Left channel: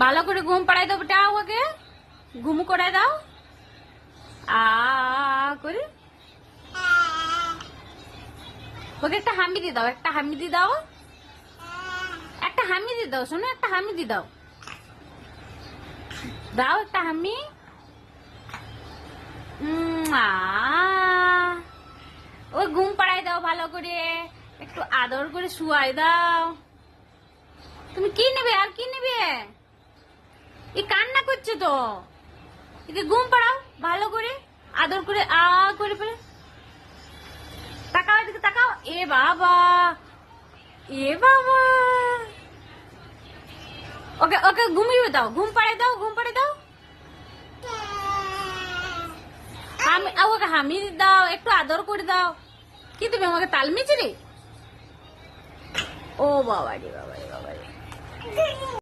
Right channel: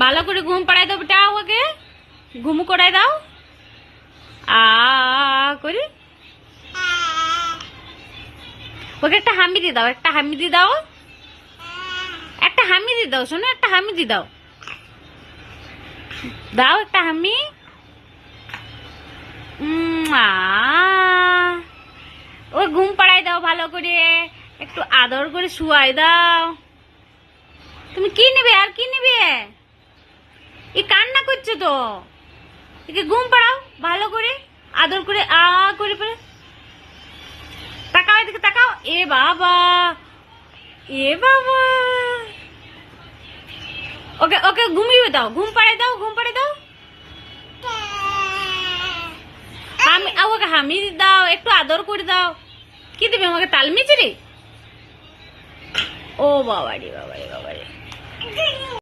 ভালো করে ঘুম পাড়াই দাও বেটা, ওকে ঘুম করাই দাও। করি ওকে একটা হামি দিয়ে দাও, একটা হামি দিয়ে দাও, একটা হামি দিয়ে দাও, শোনো একটা হামি দিয়ে দাও, দাও একটা হামি। ও ঘুম পাড়াই দাও ভালো করে, একটু আদর করে শুয়াই দাও। তুমি কি নেবে আর কি নেবে? এই কান্না করছো তো, একে ঘুম পাড়াও ভালো করে, আদর করে করে পরে তাকাও, এদিকে তাকাও। এ বাবা, এ বাবা, ওকে ওকে ঘুমিয়ে দাও, ঘুম পাড়াই দাও, ঘুম পাড়াই দাও। ওকে হামি দাও, একটু আদর করে দাও। কি দেবে আমাকে, তাল মিচড়ি? ও বাবা রে, বাবা রে, বাবা রে।